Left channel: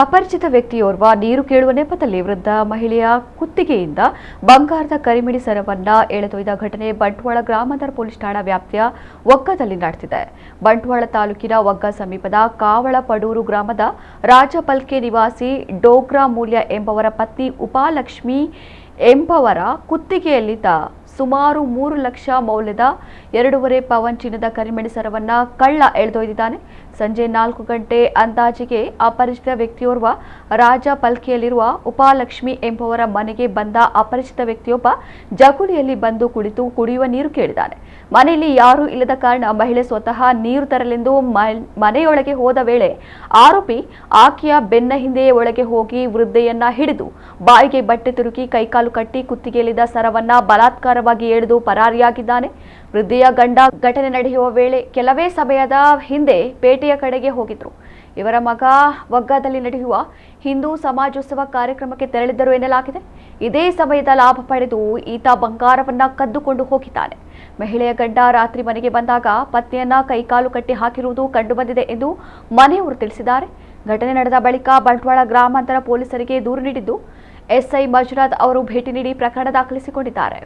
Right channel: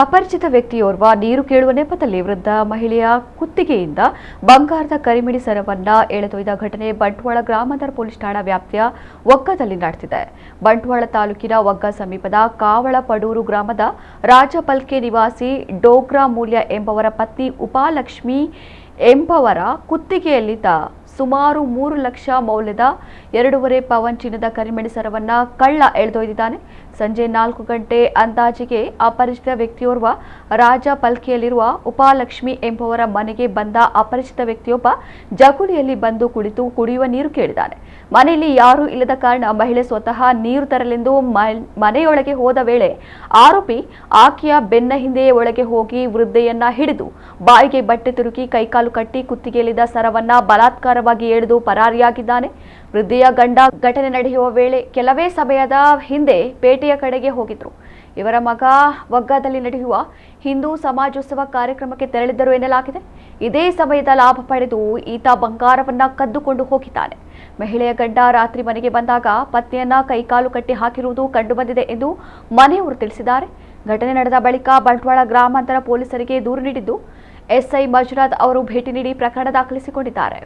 ಅಪರಿಚಿತ ವ್ಯಕ್ತಿಯೋರ್ವ ನೀರು ಕೇಳುವ ನೆಪದಲ್ಲಿ ವೃದ್ಧ ಮಹಿಳೆಯ ಕುತ್ತಿಗೆಯಿಂದ ಬಂಗಾರದ ಕರಿಮಿಡಿ ಸರವನ್ನ ಎಳೆದೊಯ್ದ ಘಟನೆ ಬಂಟ್ವಾಳ ಗ್ರಾಮಾಂತರ ಪೊಲೀಸ್ ಠಾಣಾ ವ್ಯಾಪ್ತಿಯ ಒಗ್ಗದಲ್ಲಿ ನಡೆದಿದೆ. ಬಂಟ್ವಾಳ ತಾಲೂಕಿನ ಒಗ್ಗ ಸಮೀಪದ ಕಾವಳಪಡೂರು ಗ್ರಾಮದ ರಾಜಪಲ್ಕೆ ನಿವಾಸಿ ಡೋಗ್ರಾ ಮೂಲ್ಯ ಎಂಬವರ ಪತ್ನಿ ಉಪಾಲಕ್ಷ್ಮಿ ಎಂಬವರ ಕುತ್ತಿಗೆಯಲ್ಲಿದ್ದ ಸುಮಾರು 3 ಲಕ್ಷ ಮೌಲ್ಯದ 2.5 ಪವನ್ ಚಿನ್ನದ ಕರಿಮಿಡಿ ಸರವನ್ನ ಕಳ್ಳ ಎಳೆದೊಯ್ದಿದ್ದಾನೆ. ಸಂಜೆ 4 ಗಂಟೆ ಅಂದಾಜಿಗೆ ಅಪರಿಚಿತ ವ್ಯಕ್ತಿಯೋರ್ವ ರಾಜಪಲ್ಕೆಯಲ್ಲಿರುವ ಉಪಾಲಕ್ಷ್ಮಿ ಎಂಬವರ ಮನೆಗೆ ಬಂದ ಅಪರಿಚಿತ ವ್ಯಕ್ತಿಯೊಬ್ಬ ಜಗುಲಿಯಲ್ಲಿ ಬಂದು ಕುಳಿತು ಕುಡಿಯುವ ನೀರು ಕೇಳಿದ್ದಾನೆ. ಮನೆಯಲ್ಲಿ ಯಾರೂ ಇಲ್ಲದ ಕಾರಣ ಮಹಿಳೆ ಸ್ವತಃ ನೀರು ತರಲೆಂದು ಮನೆಯೊಳಗೆ ಹೋದ ವೇಳೆ ಆರೋಪಿ ಆಕೆಯ ಬೆನ್ನ ಹಿಂದೆಯೇ ಒಳಗೆ ಹೋಗಿ ವೃದ್ಧೆಯನ್ನ ಹಿಡಿದು ಬಾಯಿಗೆ ಬಟ್ಟೆ ತುರುಕಿ ಕೈಕಾಲು ಕಟ್ಟಿ ಕುತ್ತಿಗೆಯಲ್ಲಿದ್ದ ಸರವನ್ನ ಬಲಾತ್ಕಾರವಾಗಿ ಎಳೆದು ಪರಾರಿಯಾಗಿದ್ದಾನೆ. ವೃದ್ಧೆಯ ಗಂಡ ಘಟನೆ ನಡೆಯುವ ವೇಳೆ ಕೆಲವೇ ಸಮಯದ ಹಿಂದೆ ಪೇಟೆಯ ಕಡೆಗೆ ಹೋಗಿದ್ರು. ಇವರ ಮಗ ಒಗ್ಗದಲ್ಲಿ ನಡೆಯುವ ಹಿಂದೂ ಸಮಾಜೋತ್ಸವ ಕಾರ್ಯಕ್ರಮಕ್ಕೆ ತೆರಳಿದ್ದರು ಎನ್ನಲಾಗಿದೆ. ಇದೇ ಸಮಯದ ಲಾಭ ಪಡೆದು ಈತ ಬಂಗಾರವನ್ನ ಕದ್ದುಕೊಂಡು ಹೋಗಿದ್ದಾನೆ. ಮಹಿಳೆಯ ಗಂಡ ರಾತ್ರಿ ಮನೆಗೆ ಬಂದಾಗ ಪತ್ನಿಯನ್ನ ಕೈಕಾಲು ಕಟ್ಟಿ ಹಾಕಿರುವುದು ಕಂಡುಬಂದಿದೆ ಎಂದು ಮನೆಯವರು ತಿಳಿಸಿದ್ದಾರೆ. ಘಟನೆ ನಡೆದ ಬಳಿಕ ಬಂಟ್ವಾಳ ಗ್ರಾಮಾಂತರ ಪೊಲೀಸರಿಗೆ ದೂರು ನೀಡಿದ್ದು ಎಸ್ಐ ಮಂಜುನಾಥ್ ಅವರು ಭೇಟಿ ನೀಡಿ ಪ್ರಕರಣ ದಾಖಲಿಸಿಕೊಂಡಿದ್ದಾರೆ.